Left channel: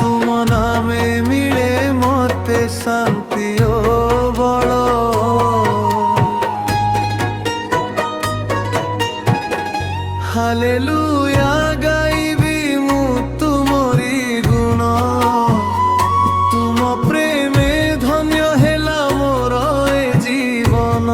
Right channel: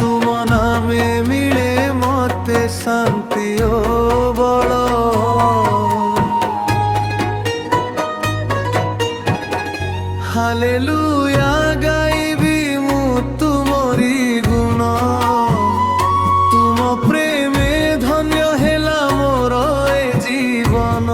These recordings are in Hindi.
तुम नामे मिले मते शांति ओ बल। हालेलुया गाइबी मु तुमरी गुण, तुम प्रेमे धन्य हेला मोर ए जीवन।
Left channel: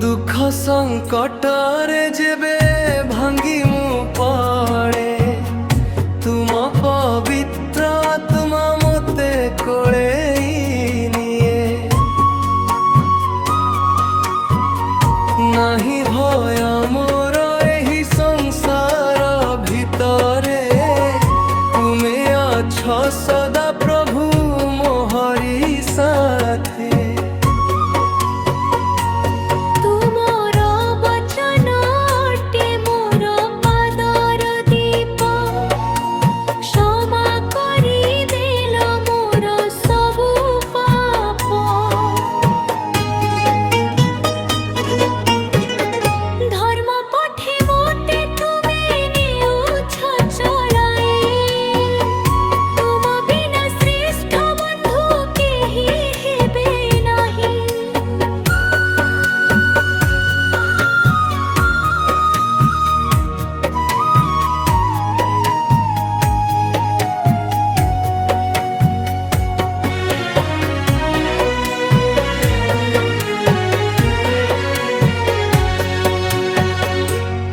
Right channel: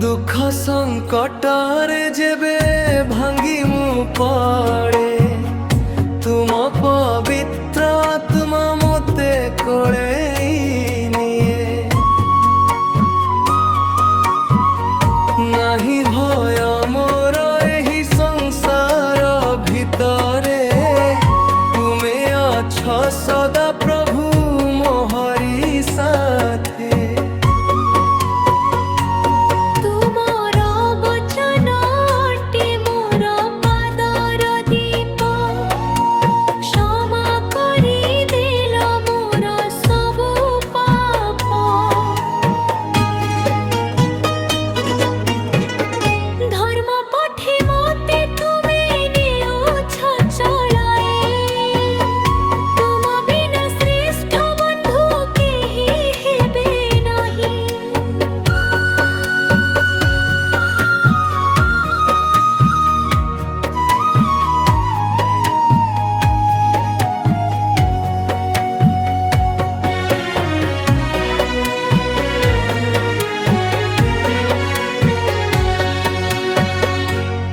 दुख संकट रे जेबे भांगी मु पड़े, तुम पवित्र आत्मा मते कोले निए। नहीं भय मोर एही संसार भितरे, तुमे अछ सदा प्रभु मोहरी साथे।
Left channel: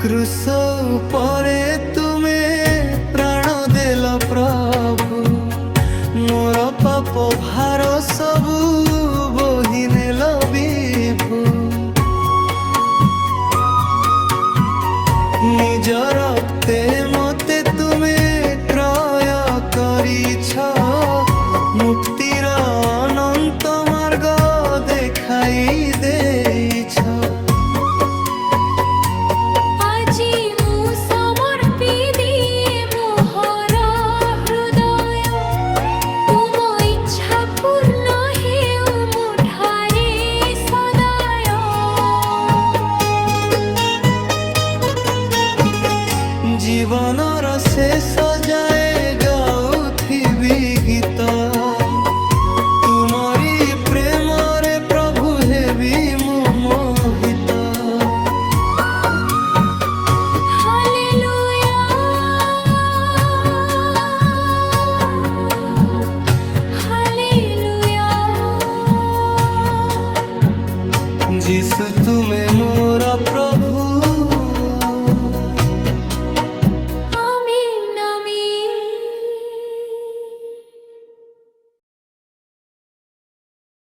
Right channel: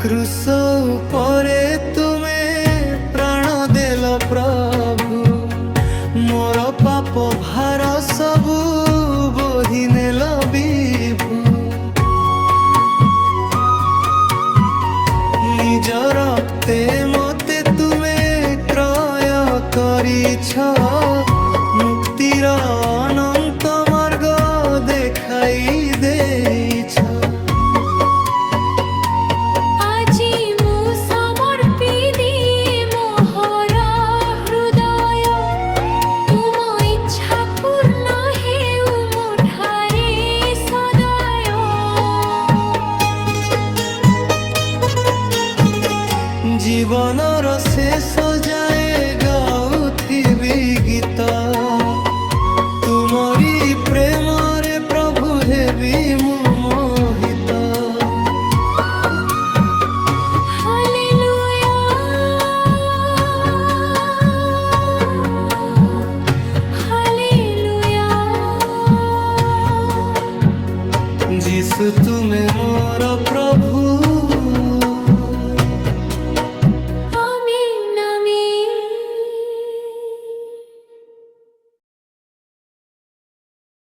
क्रूस उपरे तुमे प्राण देल प्रभु, मोर पाप भार सबु बोहि नेल विभु। निज रक्ते मते तुमे क्रय करिछ, मुक्तिर अनंत मार्ग देखाई देइछ। जीवनर शेष जाए गाउथिबी गीत, तुमरी प्रेम रे प्रभु हेबी मु मोहित। Hallelujah hallelujah. जीसु तुमे मोर प्रभु।